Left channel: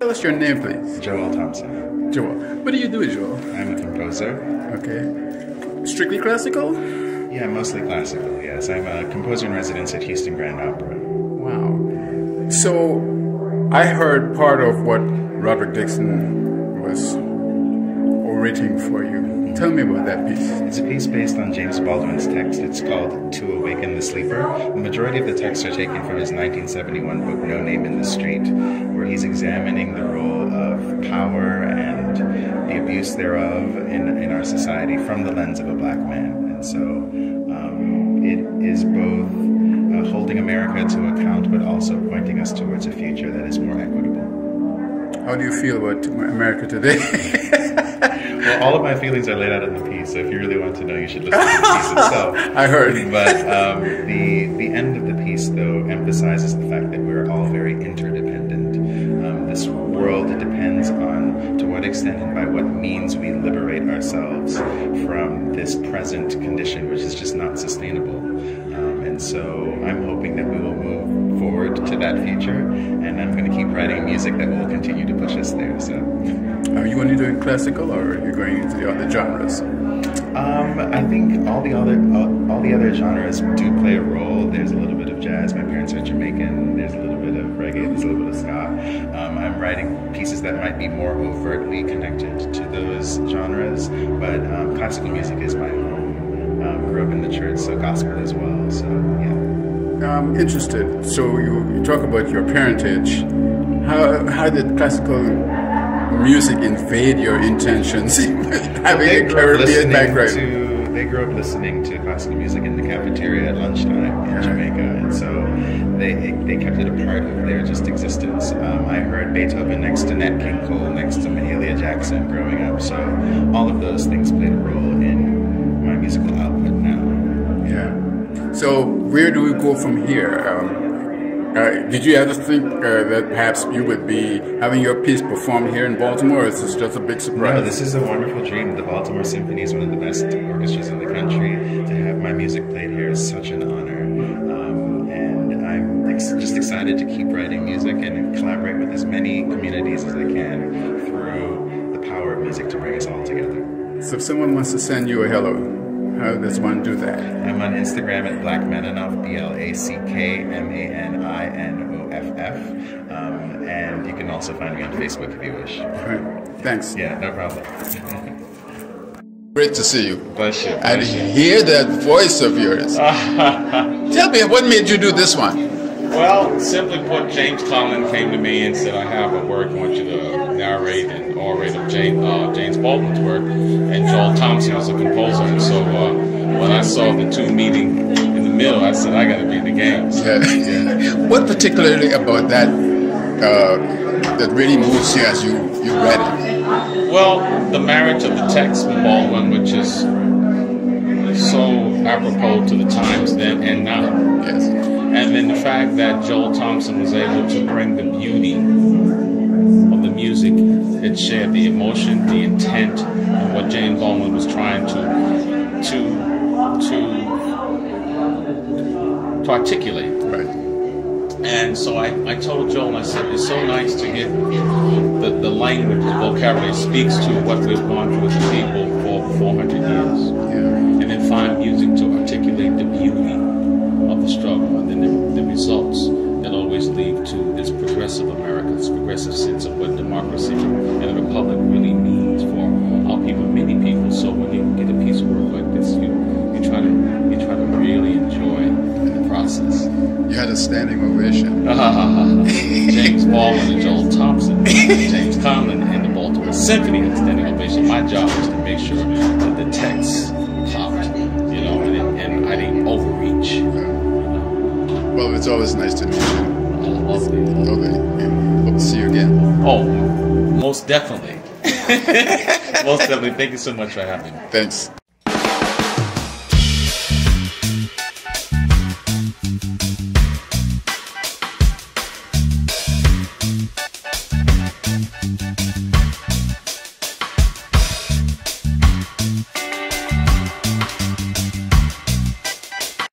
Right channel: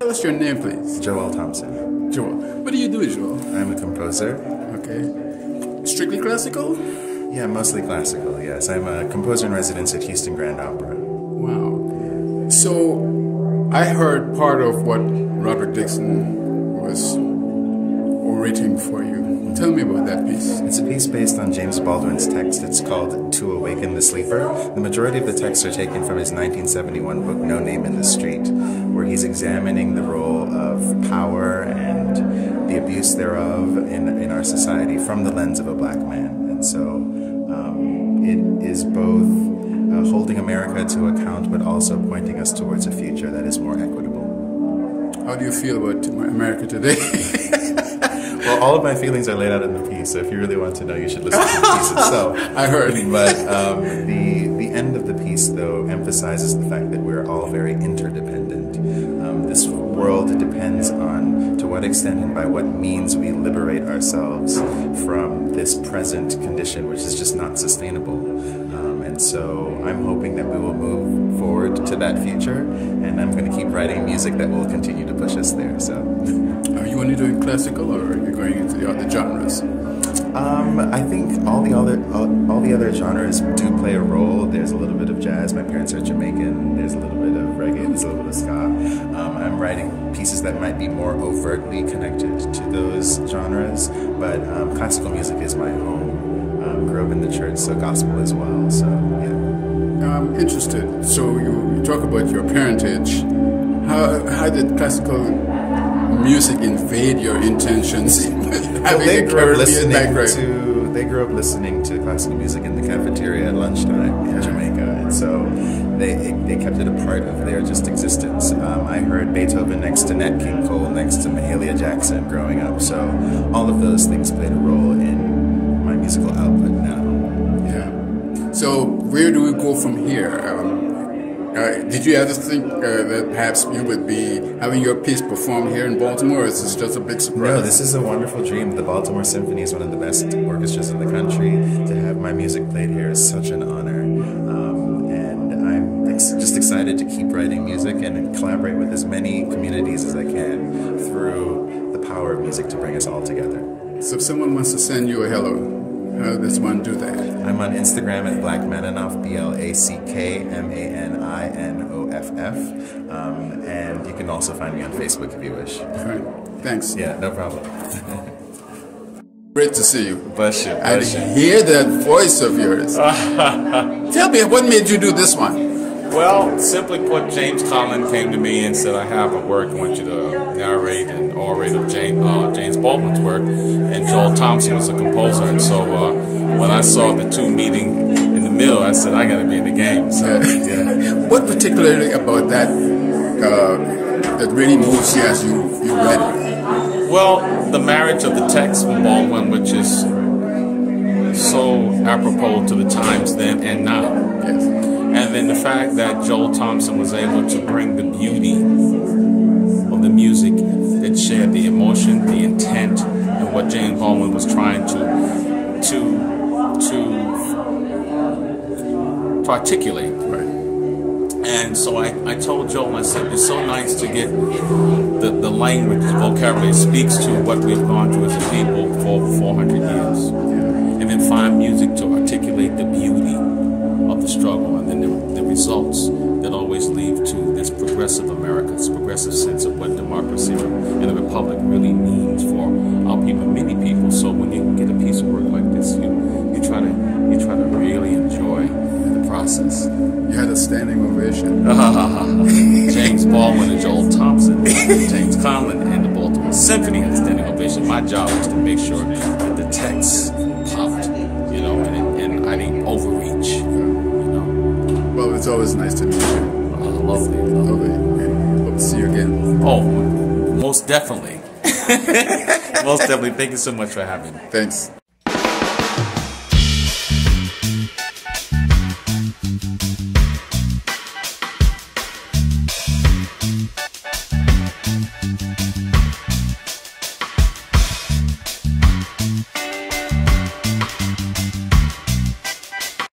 Tell us your name, please. Joel Thompson. Joel. What do you do, Joel? I'm a composer. Okay. Strictly classical? Yeah, mostly classical, yes. I'm a composer in residence at Houston Grand Opera. Wow. So, I heard part of what Robert Dixon was orating for you. Tell me about that piece. It's a piece based on James Baldwin's text. It's called To Awaken the Sleeper. The majority of the texts are taken from his 1971 book, No Name in the Street, where he's examining the role of power and the abuse thereof in our society from the lens of a black man. And so it is both holding America to account, but also pointing us towards a future that is more equitable. How do you feel about America today? Well, all of my feelings are laid out in the piece, so if you really want to know, you should listen to the piece itself. I heard. But the end of the piece, though, emphasizes the fact that we're all very interdependent. This world depends on to what extent and by what means we liberate ourselves from this present condition, which is just not sustainable. And so I'm hoping that we will move forward to that future, and I'm going to keep writing music that will continue to push us there. So, are you only doing classical, or are you going into the other genres? I think all the other genres do play a role. There's a little bit of jazz. My parents are Jamaican. There's a little bit of reggae. There's a little bit of ska. I'm writing pieces that might be more overtly connected to those genres, but classical music is my home. Grew up in the church, so gospel as well. So yeah. I'm interested. So you talk about your parentage. How did classical music invade your intentions? Having a Caribbean background. They grew up listening to classical music in the cafeteria at lunchtime in Jamaica, and so they kept it a part of their just existence. I heard Beethoven next to Nat King Cole, next to Mahalia Jackson growing up, so all of those things played a role in my musical output now. Yeah. So where do we go from here? Did you ever think that perhaps you would be having your piece performed here in Baltimore, or is this just a big surprise? No, this is a wonderful dream. The Baltimore Symphony is one of the best orchestras in the country. To have my music played here is such an honor. And I'm just excited to keep writing music and collaborate with as many communities as I can through the power of music to bring us all together. So if someone wants to send you a hello, how does one do that? I'm on Instagram at BlackManinoff, BlackManinoff, and you can also find me on Facebook if you wish. Right. Thanks. Yeah, no problem. Great to see you. Bless you. And hear that voice of yours. Tell me, what made you do this one? Well, simply put, James Collin came to me and said, I have a work, I want you to narrate and orate of James Baldwin's work, and Joel Thompson is a composer, and so when I saw the two meeting in the middle, I said, I got to be in the game. So, yeah. What particularly about that that really moves you as you read it? Well, the marriage of the text from Baldwin, which is so apropos to the times then and now. Yes. And then the fact that Joel Thompson was able to bring the beauty of the music that shared the emotion, the intent, and what James Baldwin was trying to articulate. Right. And so I told Joel, I said, it's so nice to get the language, the vocabulary speaks to what we've gone through as a people for 400 years. Yeah. And then find music to articulate the beauty of the struggle, and then the results that always lead to this progressive America, this progressive sense of what democracy and a republic really means for our people, many people. So when you get a piece of work like this, you try to really enjoy the process. You had a standing ovation. James Baldwin and Joel Thompson, James Collin and the Baltimore Symphony had a standing ovation. My job was to make sure that the text popped, and I didn't overreach. Well, it's always nice to meet you. Lovely. Hope to see you again. Oh, most definitely. Most definitely. Thank you so much for having me. Thanks.